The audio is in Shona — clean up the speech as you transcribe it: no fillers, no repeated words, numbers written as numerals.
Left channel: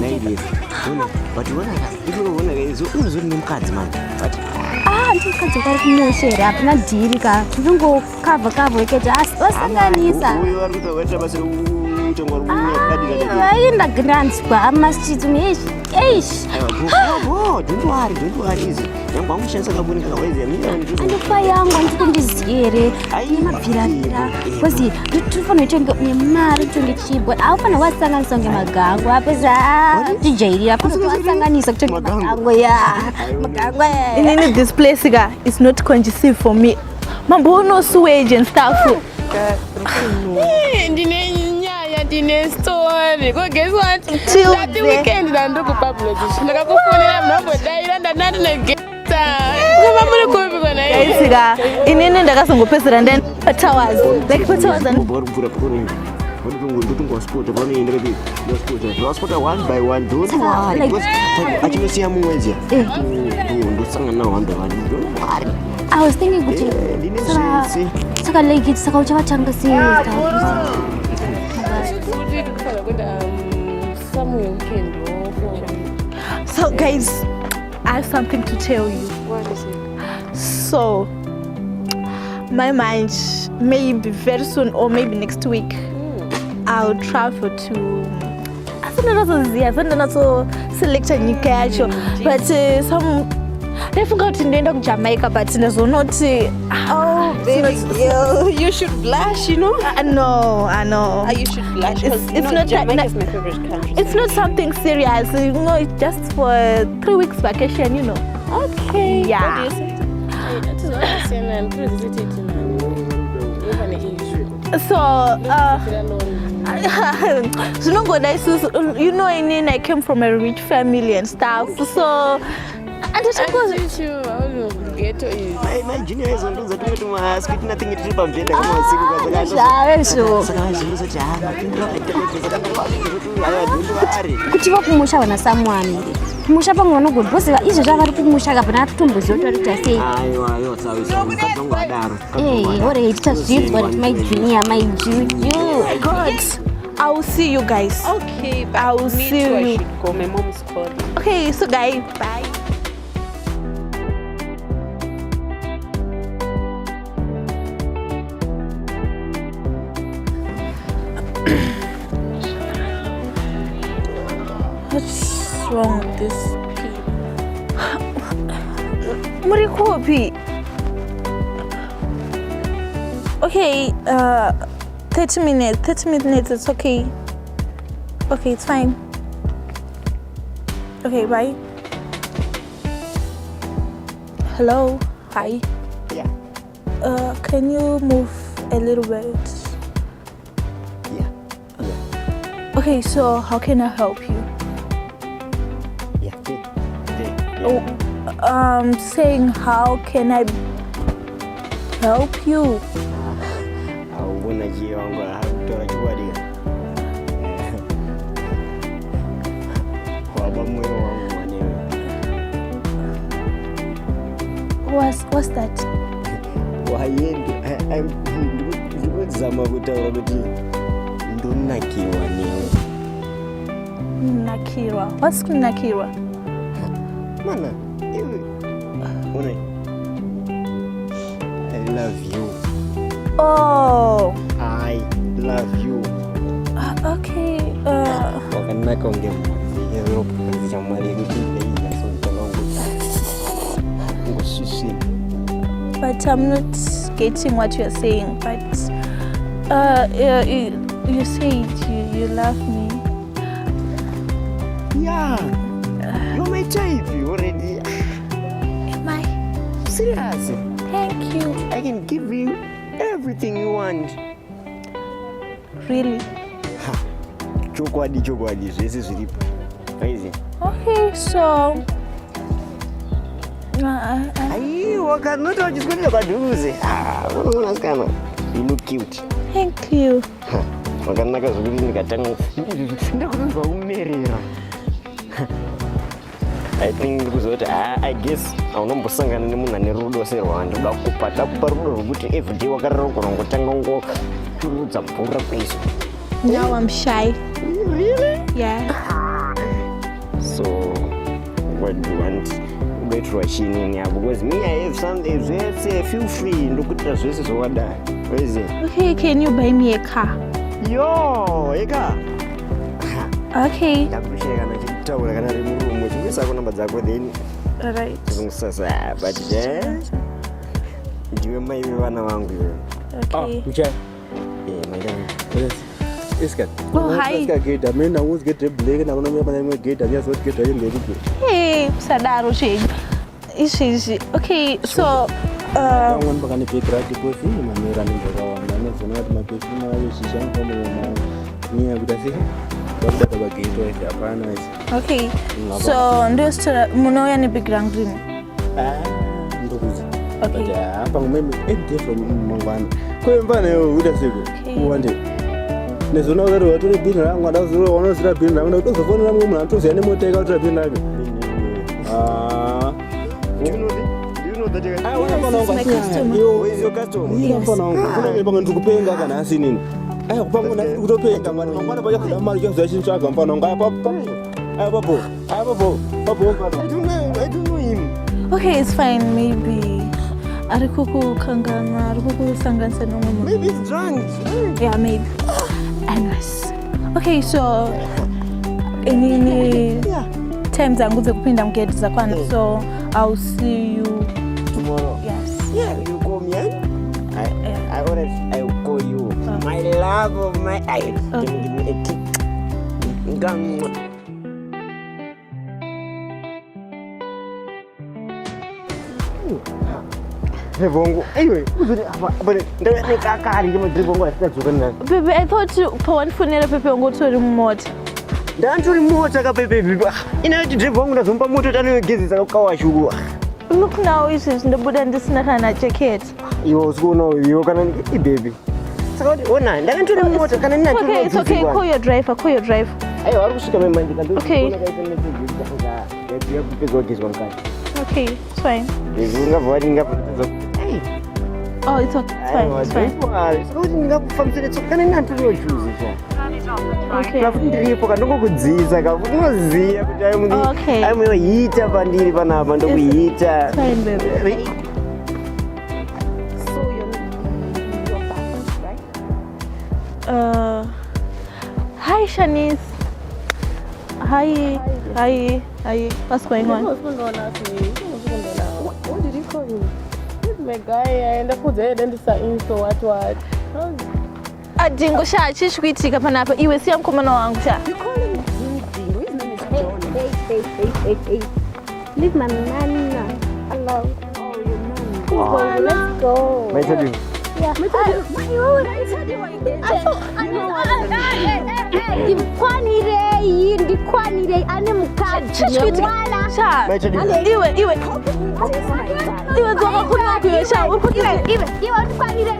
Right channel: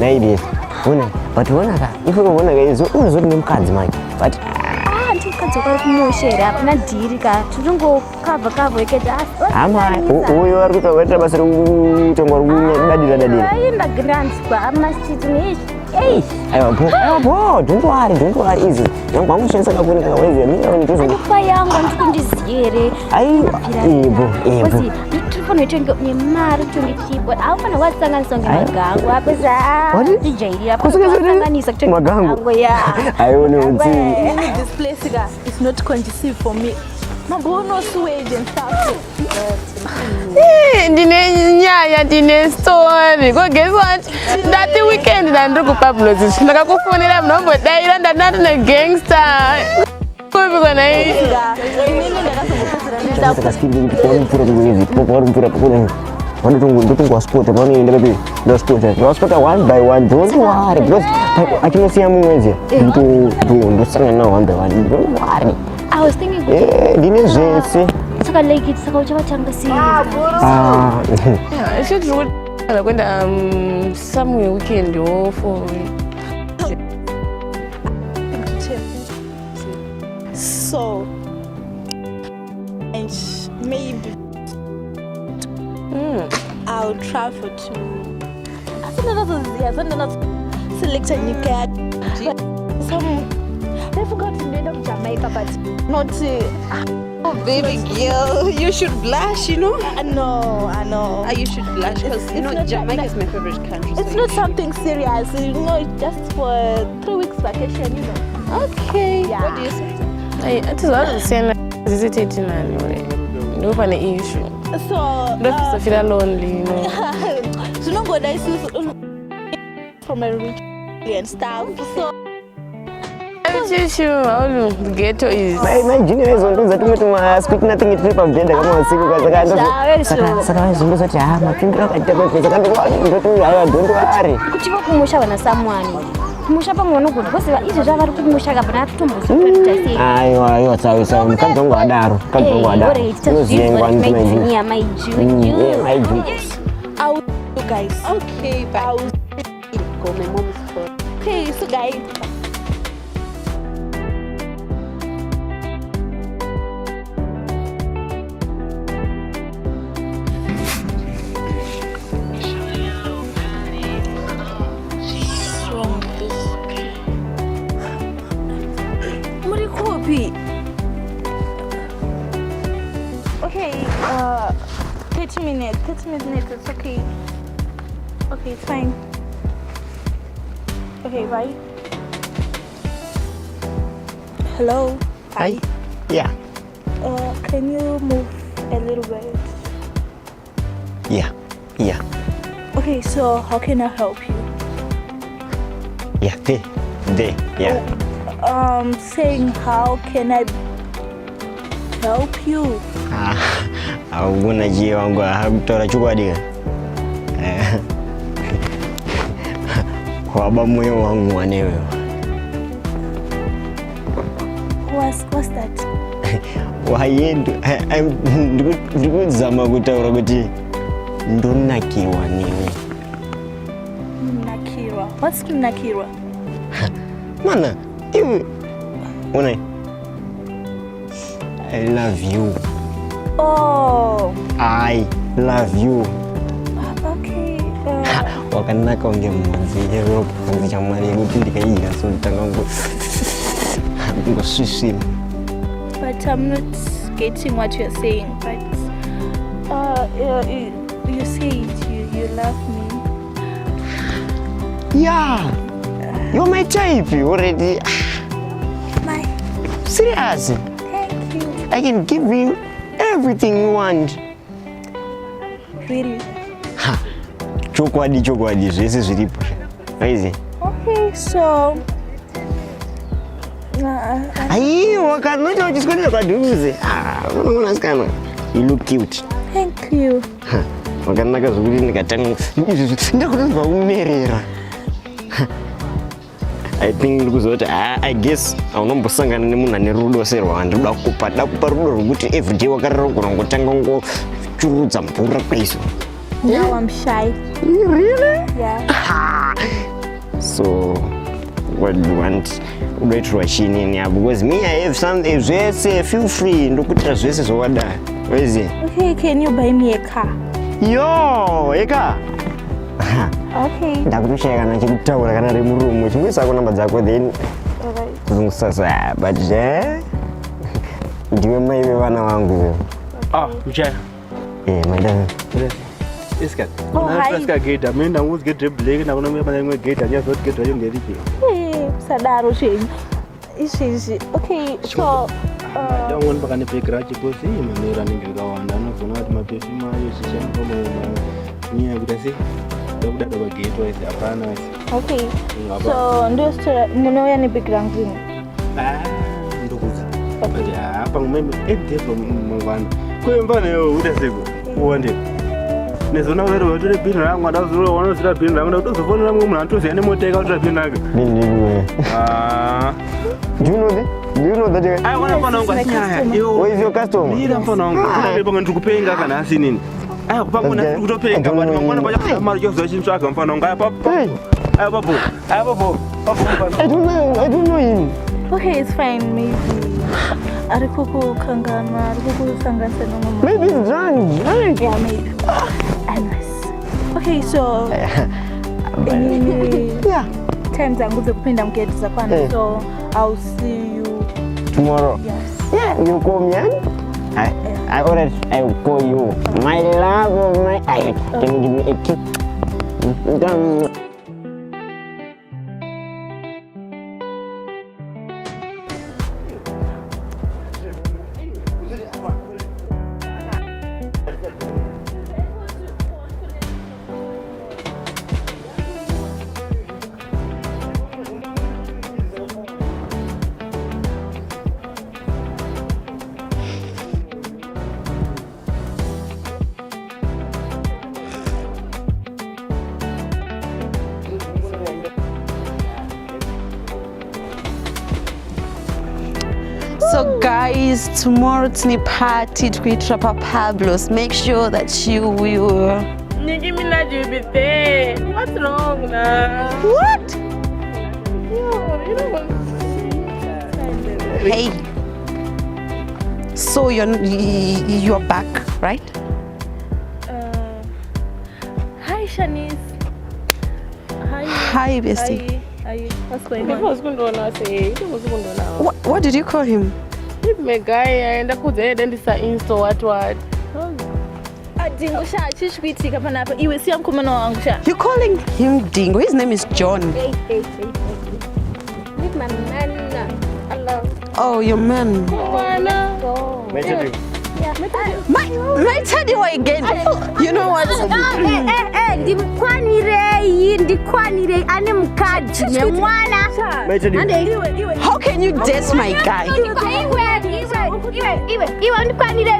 ladies. But when if you want to get so mukadzi man. But ndikadzi kwari kunoshera hapana dhiri ka ndingo cover chete asibasanganisa uyo ari kutoita basa rekutonga dadira aenda grants kwa masitini don't worry easy yangamushenza kakwenda kawezi anokupa yangu andikundiziere kozi itifanira kutenga nemari kutenga chibwe aufana wasanganisa ngemagango apeza ndijairira wasanganisa kutenga magango in this place is not conducive for me. Mambono sewage and stuff. Dine story. Go guess what? That weekend I do Pablo. Like I phone them number there and not a gangster. Go go when I in the some president and up towers. One to go sport and only in the sport one by one. I can see a movie to sing now on the one. I was thinking it's a lake, it's a culture changa somewhere weekend for me. So guys, I have something to tell you. So my mind maybe very soon or maybe next week I'll travel to select a new catch, but some I forgot to end up Jamaica, but there's not. Oh, baby girl, you should blush, you know. I know. You should blush because it's not Jamaica is my favorite country. It's not something serious, you know. It's just for 3 weeks vacation, you know. Okay. Yeah. What do you say? It is all saying visit it in no funny issue. So don't feel lonely. So no good. You know, I came from a rich family and stuff. So. I teach you how the ghetto is. My junior is on that speak nothing at trip of gender. I want to see what I kuchiva kumusha wana someone kumusha pamwe good boss izvo zvavari kumusha kapena atutombozotarita sei aiwa tsaisa mukambo ngadaro ore ita zvizvo maidzinia maijuju I will see you guys. Okay, but I will see you. Call my mom's call. Okay, so guys, bye. Wrong with this? Murikopi. Okay, 30 minutes. 30 minutes, it's okay. Okay, it's fine. Okay, bye. Hello? Hi. Yeah. Can you move a little bit? Yeah. Okay, so how can I help you? Yeah, they, yeah. Saying how can I help you? Auguna ji wangu hakutora chukwadika. Waba moyo wangu wanewe. What's that? Wayendu ndikuzama kutaura kuti ndonakiwa newe. Nakiwa. What's Nakiwa? Mana, you I love you. Oh. I love you. Okay. Wakanda kaongea mzee ropo kwa mwali nitindika ina sultanangu. Ngo sisi. But I'm not getting what you're saying. But you said you love me. Yeah. You're my type already. My. Serious. Thank you. I can give you everything you want. Really? Chokwadi zvese zviripo. Crazy. Okay, so Aiwa kanota wachiswenda padhuze. Unasikana. You look cute. Thank you. Wakanaka zvokuti ndikatanga ndakutonzwa umerera. I think ndikuzoti I guess aunombosangana nemunhu ane rudo serwanda ndakupa rudo rwekuti everyday wakarara kurongotanga ngochurudza mvura kwaiso. Now I'm shy. Really? Yeah. So what do you want? Get rushing in here because me I have something. Say feel free. Look at this. This is what where is it? Okay, can you buy me a car? Yo, eka. Okay. Ndakusheka na chitaura kana rimurumu. Tumisa kuna namba zako then. Alright. Sasa but ndiwe mai vana vangu. Okay. Mchana. Madam. Yes, kat. Oh, hi. Let's get a man. I was get a blade and I'm going to get a just get a young Hey, Sadaro change. Easy. Okay, so I want to pick right to put him and running around. I'm not my best. My son from near Brazil. But gate is a panel. okay. So just Munoya ni big ranking. Okay. Yeah, I'm maybe 8 days from Mangwan. Coimbano would have to one day. Nezona wewe wote bin rangu wadazuru wanazira bin rangu na utozo fona rangu mna tuzi ani mote ka utozo bin rangu Do you know that I want to know where is your customer? Nira fona ngana banga ndukupenga kana asi nini banga ndukupenga bana mwana baje mara yo zochi msaka mfano ngapa papo I don't know him. Okay, it's fine. Maybe Arikuku Kangana, Arikuku Sangasa no mama. Maybe it's drunk. Yeah, maybe. Anyways. Okay, so any times I'm going to pin down get Zapan. So I'll see you tomorrow. Yes. Yeah, you call me. I will call you. My love of my eye. Can you give me a kiss? Done. Bongo. Anyway, Baby, I thought you for one for never paper and go to the remote. Don't remote like a baby. You know, the bongo from Pamoto and gives a kawash. Look now, it's in the Buddha and this not a jacket. You go no, you can eat baby. So, one night, don't remote. Okay, it's okay. Call your driver. I always come in my Okay. Okay, it's fine. So guys, tomorrow it's the party to be Trapper Pablo's. Make sure that you will. Okay. I'm going to eat up and Hey. So you're back, right? Hi Shanice. Hi, bestie. Hi. What's going on? What did you call him? My guy, and I could then decide into what. Dhingo shachish kuitika panapa iwe si mkumano wangu tena. You're calling him Dhingo. His name is John. Hey. Leave my man alone. Oh, your man. Come on, let's go. May I tell you again? You know what? Ndikwanire ane mukaji nemwana. How can you diss my guy? Iwe ndikwanire.